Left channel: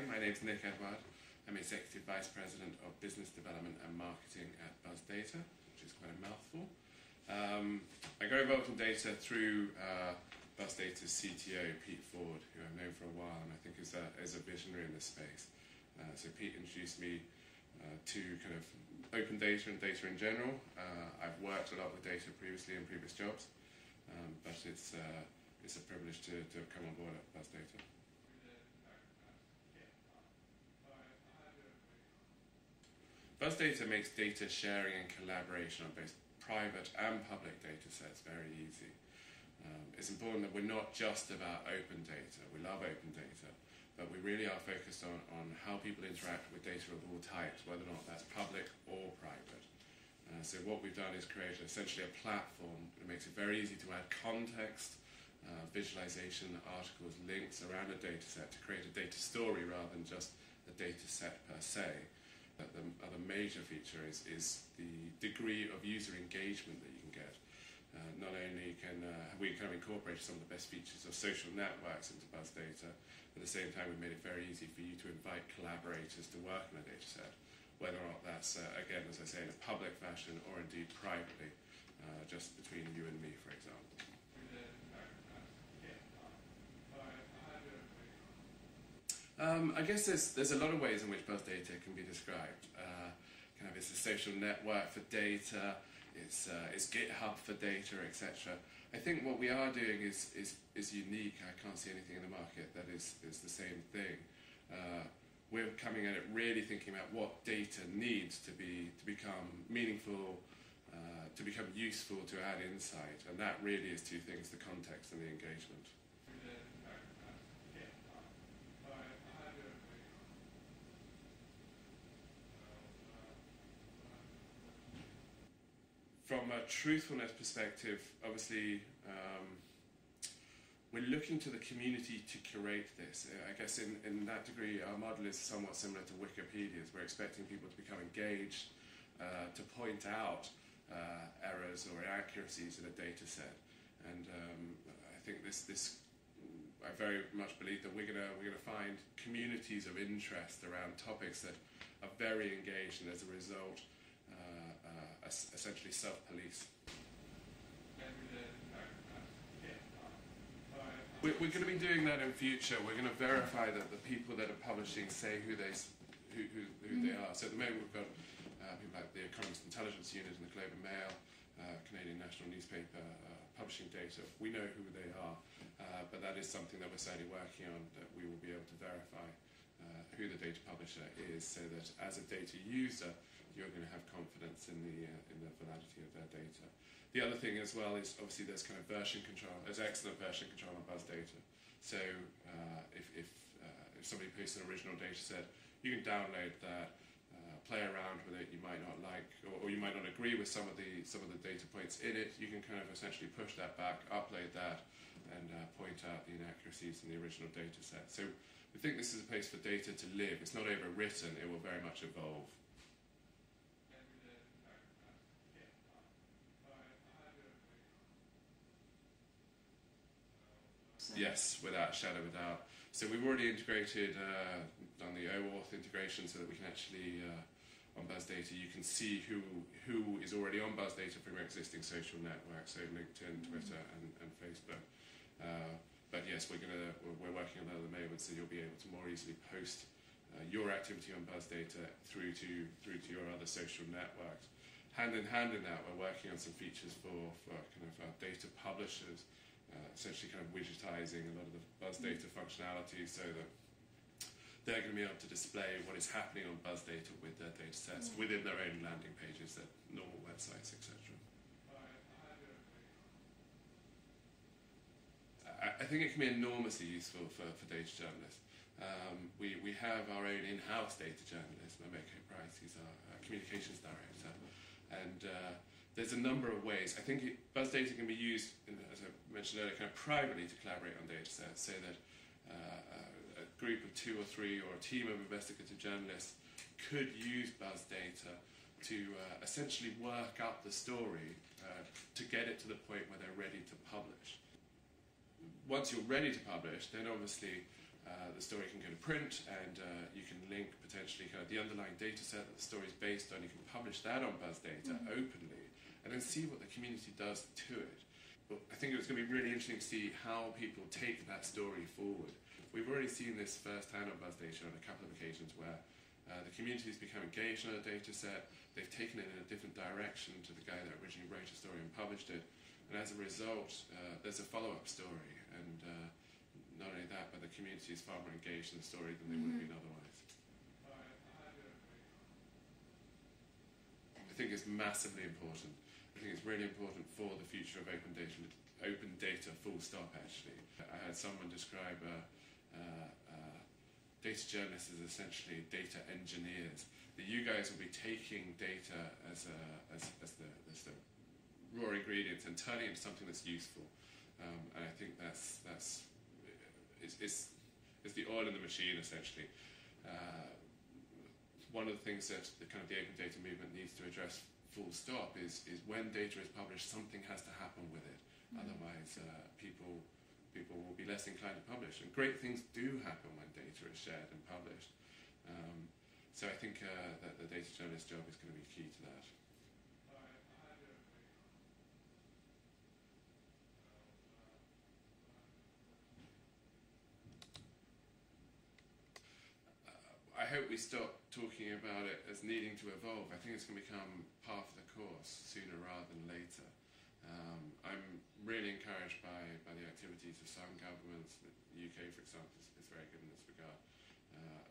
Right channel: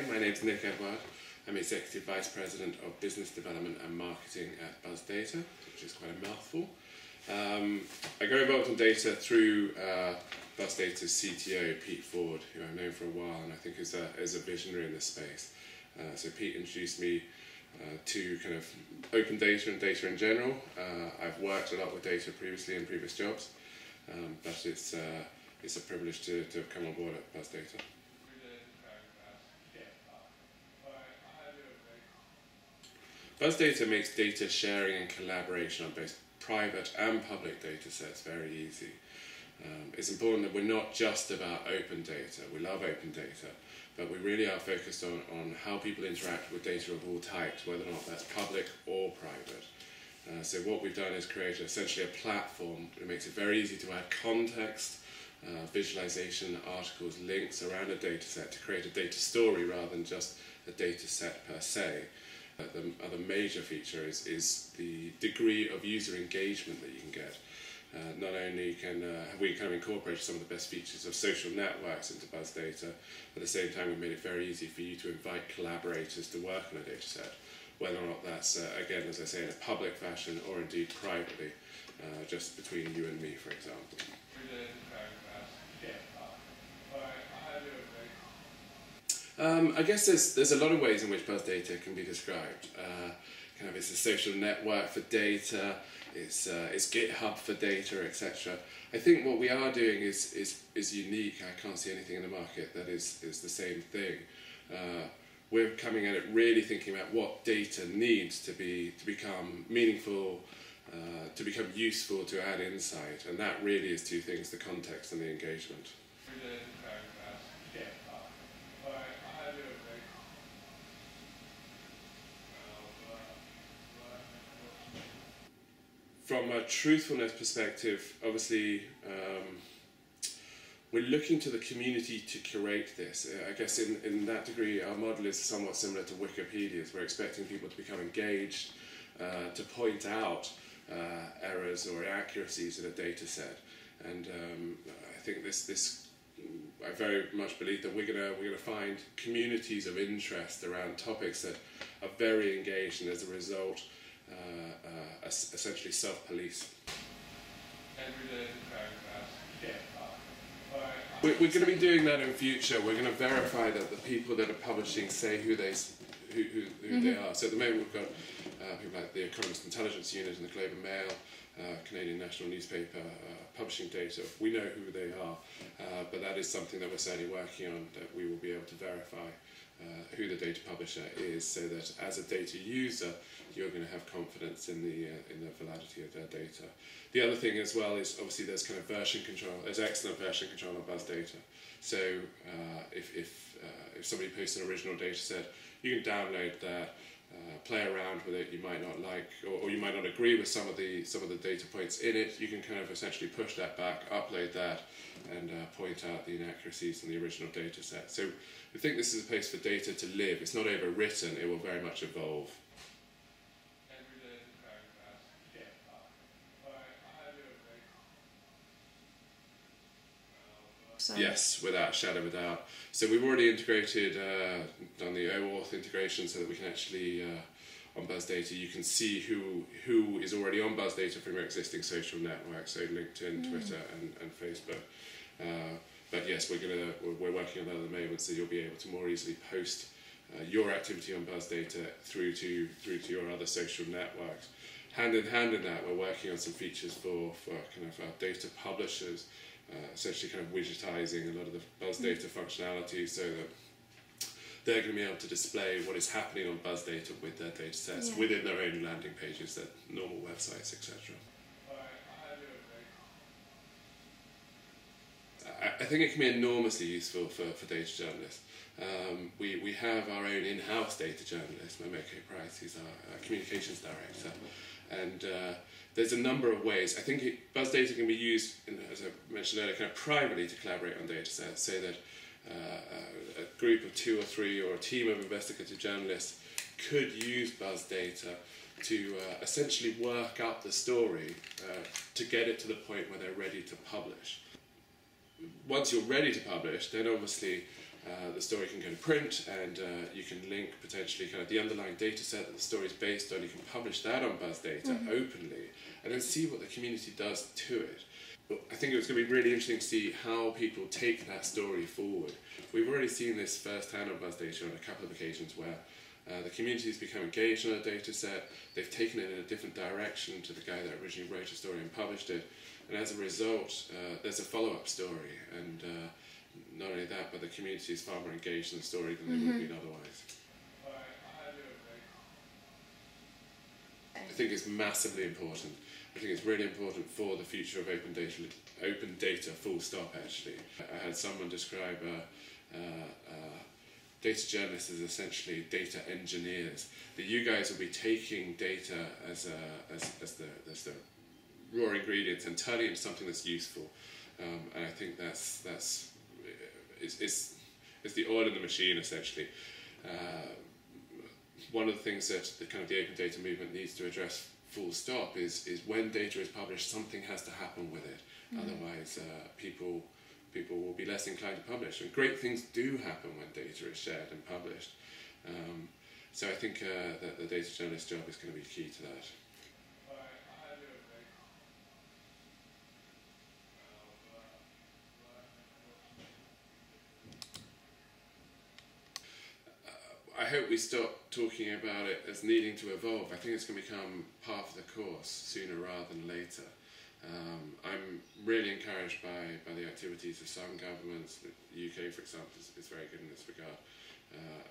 Hi, my name is Nick Edouard. I'm Executive Vice President of Business Development and Marketing at BuzzData, which is quite a mouthful. I got involved in data through BuzzData's CTO, Pete Ford, who I've known for a while and I think is a visionary in this space. So Pete introduced me to kind of open data and data in general. I've worked a lot with data previously in previous jobs, but it's a privilege to have come on board at BuzzData. BuzzData makes data sharing and collaboration on both private and public data sets very easy. It's important that we're not just about open data. We love open data, but we really are focused on how people interact with data of all types, whether or not that's public or private. So what we've done is create essentially a platform that makes it very easy to add context, visualization, articles, links around a data set to create a data story rather than just a data set per se. The other major feature is the degree of user engagement that you can get. Not only have we kind of incorporated some of the best features of social networks into BuzzData, at the same time we've made it very easy for you to invite collaborators to work on a data set, whether or not that's, again, as I say, in a public fashion or indeed privately, just between you and me, for example. I guess there's a lot of ways in which BuzzData can be described. Kind of it's a social network for data, it's GitHub for data, etc. I think what we are doing is unique. I can't see anything in the market that is the same thing. We're coming at it really thinking about what data needs to become meaningful, to become useful, to add insight, and that really is two things: the context and the engagement. From a truthfulness perspective, obviously, we're looking to the community to curate this. I guess in that degree, our model is somewhat similar to Wikipedia's. We're expecting people to become engaged, to point out errors or inaccuracies in a data set. And I think I very much believe that we're gonna find communities of interest around topics that are very engaged, and as a result, essentially self-police. We're going to be doing that in future. We're going to verify that the people that are publishing say who they are. So at the moment we've got people like the Economist Intelligence Unit and the Globe and Mail, Canadian National Newspaper, publishing data. We know who they are, but that is something that we're certainly working on, that we will be able to verify who the data publisher is, so that as a data user you're going to have confidence in the validity of their data. The other thing as well is obviously there's kind of version control. There's excellent version control on BuzzData. So if somebody posts an original data set, you can download that, play around with it. You might not like, or you might not agree with some of the data points in it. You can kind of essentially push that back, upload that, and point out the inaccuracies in the original data set. So we think this is a place for data to live. It's not overwritten. It will very much evolve. Yes, without a shadow of a doubt. So we've already integrated, done the OAuth integration so that we can actually, on BuzzData, you can see who is already on BuzzData from your existing social networks, so LinkedIn, Twitter, and Facebook. But yes, we're working on that at the moment, so you'll be able to more easily post your activity on BuzzData through to your other social networks. Hand in hand in that, we're working on some features for kind of data publishers. Essentially kind of widgetizing a lot of the BuzzData functionality so that they're going to be able to display what is happening on BuzzData with their data sets within their own landing pages, their normal websites, etc. I think it can be enormously useful for data journalists. We have our own in-house data journalist, Mameko Price, who's our communications director, and there's a number of ways. I think BuzzData can be used, as I mentioned earlier, kind of privately to collaborate on data sets, so that a group of 2 or 3 or a team of investigative journalists could use BuzzData to essentially work up the story to get it to the point where they're ready to publish. Once you're ready to publish, then obviously The story can go to print, and you can link potentially kind of the underlying data set that the story is based on. You can publish that on BuzzData openly, and then see what the community does to it. I think it's going to be really interesting to see how people take that story forward. We've already seen this firsthand on BuzzData on a couple of occasions where the community's become engaged on a data set, they've taken it in a different direction to the guy that originally wrote a story and published it, and as a result there's a follow-up story, and not only that, but the community is far more engaged in the story than they would have been otherwise. I think it's massively important. I think it's really important for the future of open data full stop actually. I had someone describe data journalists as essentially data engineers. That you guys will be taking data as the raw ingredients and turning it into something that's useful. And I think that's the oil in the machine essentially. One of the things that the open data movement needs to address full stop is when data is published, something has to happen with it. Otherwise people will be less inclined to publish. And great things do happen when data is shared and published. So I think that the data journalist job is going to be key to that. I hope we stop talking about it as needing to evolve. I think it's going to become part of the course sooner rather than later. I'm really encouraged by the activities of some governments. The UK, for example, is very good in this regard.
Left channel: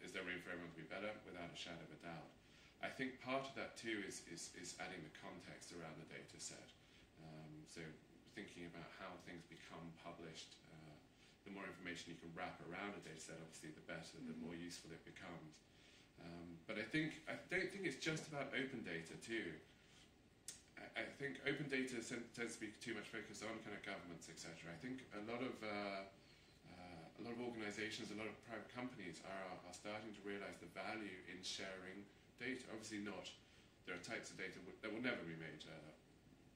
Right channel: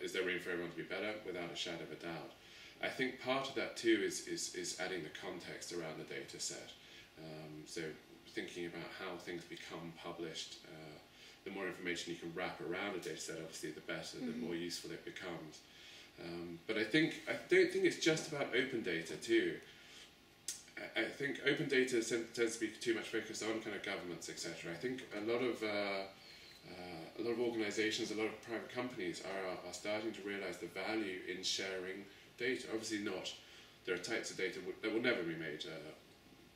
Is there room for everyone to be better? Without a shadow of a doubt. I think part of that too is adding the context around the data set. So thinking about how things become published, the more information you can wrap around a data set, obviously the better, the more useful it becomes. But I don't think it's just about open data too. I think open data tends to be too much focused on kind of governments, etc. I think a lot of organisations, a lot of private companies are starting to realise the value in sharing data. Obviously not, there are types of data that will never be made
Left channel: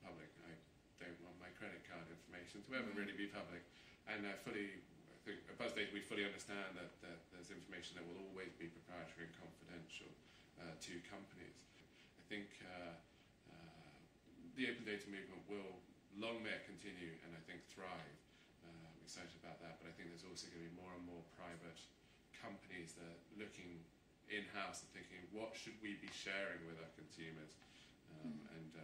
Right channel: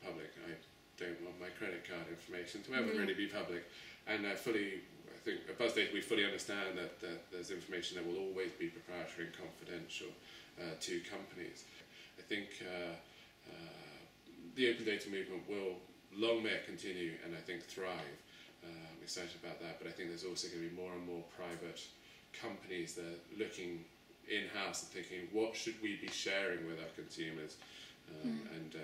public. I don't want my credit card information to ever really be public. And I think at BuzzData we fully understand that there's information that will always be proprietary and confidential to companies. I think the open data movement will long may it continue and I think thrive. I'm excited about that, but I think there's also going to be more and more private companies that are looking in-house and thinking, what should we be sharing with our consumers, and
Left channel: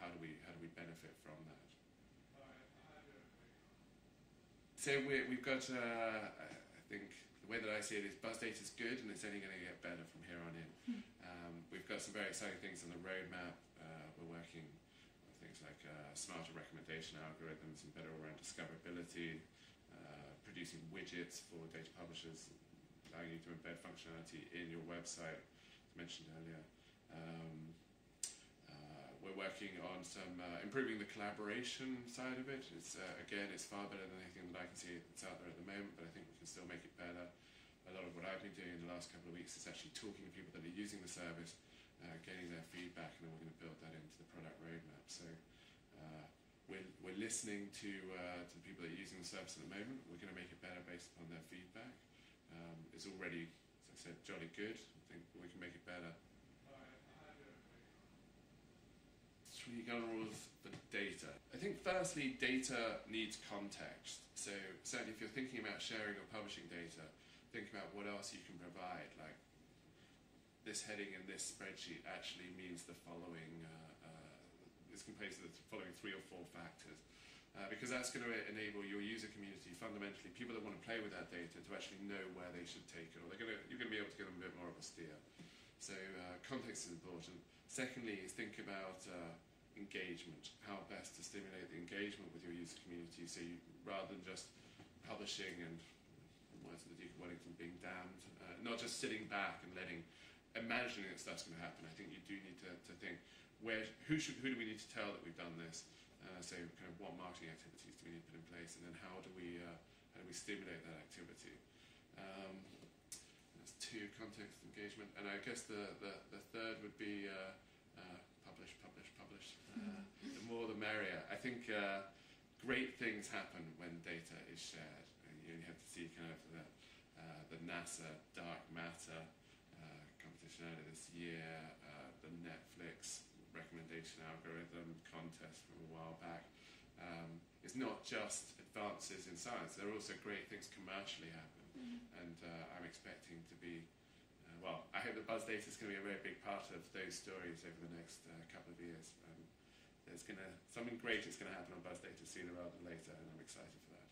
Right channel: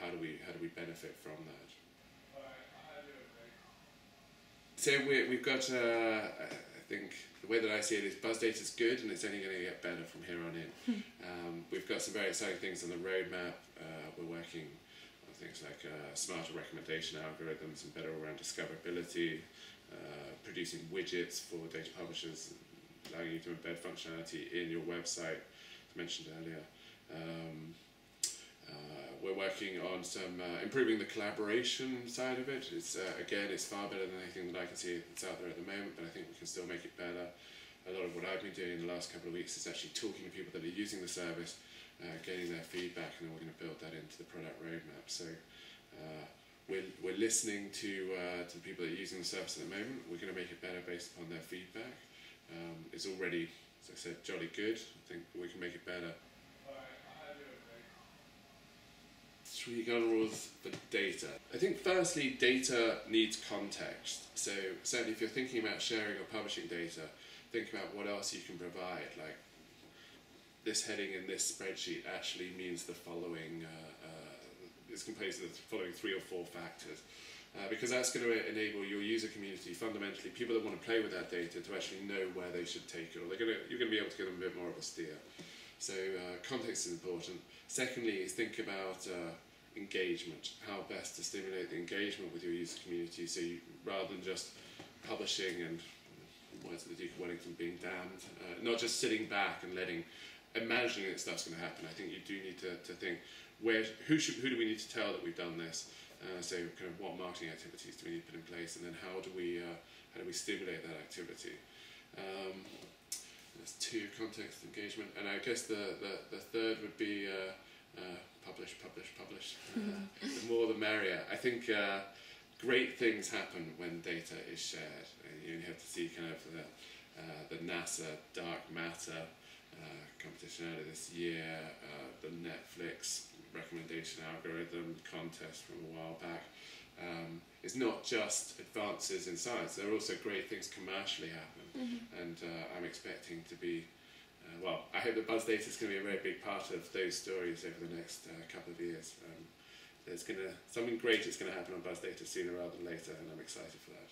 how do we benefit from that? So we've got, I think the way that I see it is BuzzData is good and it's only going to get better from here on in. We've got some very exciting things on the roadmap. We're working on things like smarter recommendation algorithms and better all-round discoverability, producing widgets for data publishers, allowing you to embed functionality in your website, as mentioned earlier. We're working on some improving the collaboration side of it. It's again, it's far better than anything that I can see that's out there at the moment, but I think we can still make it better. A lot of what I've been doing in the last couple of weeks is actually talking to people that are using the service, getting their feedback, and then we're going to build that into the product roadmap. So we're listening to the people that are using the service at the moment. We're going to make it better based upon their feedback. It's already, as I said, jolly good. I think we can make it better. 3 golden rules for data. I think firstly, data needs context. So certainly if you're thinking about sharing or publishing data, think about what else you can provide. Like this heading in this spreadsheet actually means the following, is composed of the following 3 or 4 factors. Because that's going to enable your user community, fundamentally, people that want to play with that data, to actually know where they should take it, or you're going to be able to give them a bit more of a steer. So context is important. Secondly is think about engagement, how best to stimulate the engagement with your user community, so you, rather than just publishing and, words of the Duke of Wellington, being damned, not just sitting back and imagining that stuff's going to happen. I think you do need to think, who do we need to tell that we've done this? So kind of what marketing activities do we need to put in place, and then how do we stimulate that activity? There's 2, context, engagement, and I guess the third would be publish. The more the merrier. I think great things happen when data is shared. You only have to see kind of the NASA dark matter competition earlier this year, the Netflix recommendation algorithm contest from a while back. It's not just advances in science, there are also great things commercially happen, and I'm expecting to be, I hope that BuzzData is going to be a very big part of those stories over the next couple of years. There's something great is going to happen on BuzzData sooner rather than later, and I'm excited for that.